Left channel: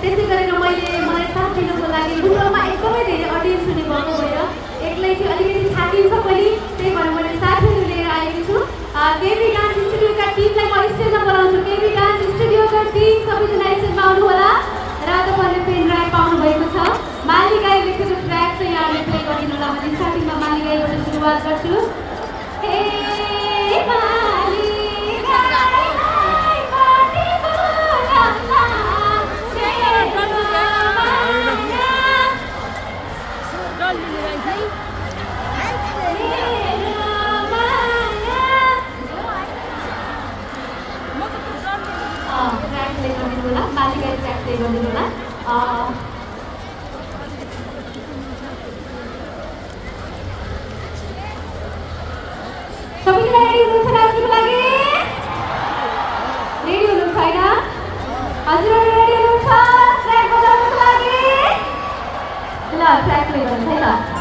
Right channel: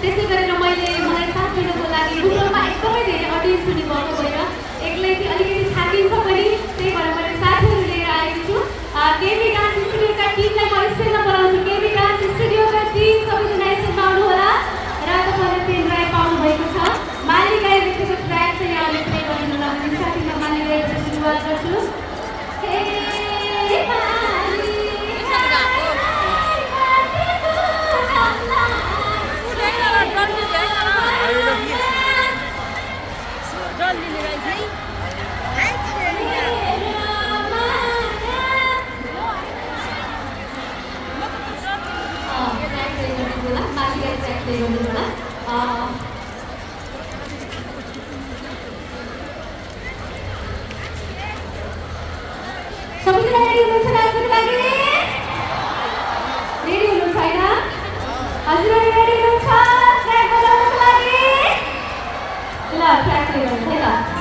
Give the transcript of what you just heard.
त्यसै गरेर मलाई साथ दिनको लागि रुममा एकदमै धेरै अडियन्स पनि भएको भएर एक्लै चाहिँ अलिकति थाकिन्छ पनि, त्यही भएर मैले साथीहरू लिएर आएकी छु। केबी डान्स स्टुडियोका टिमलाई म स्टेजमा बोलाउँछु। केबी डान्स स्टुडियोका टिम सबैजना स्टेजमा आउनु होला र तपाईँले पेन ड्राइभ पाउनु भएको छ। मालिगाई लेखेको ट्र्याक चाहिँ यहाँले प्ले गरिदिनु होला भने स्टार्टिङमा मालिगाईबाट सुरुवात गर्छु। सबैजना रेडी हुनुहुन्छ नाच्नको लागि? रेडी हुनुहुन्छ होइन? हजुरहरू रेडी हुनुहुन्छ ट्र्याक बजाउनको लागि? ल ट्र्याक प्ले गर्नुहोस् है ल।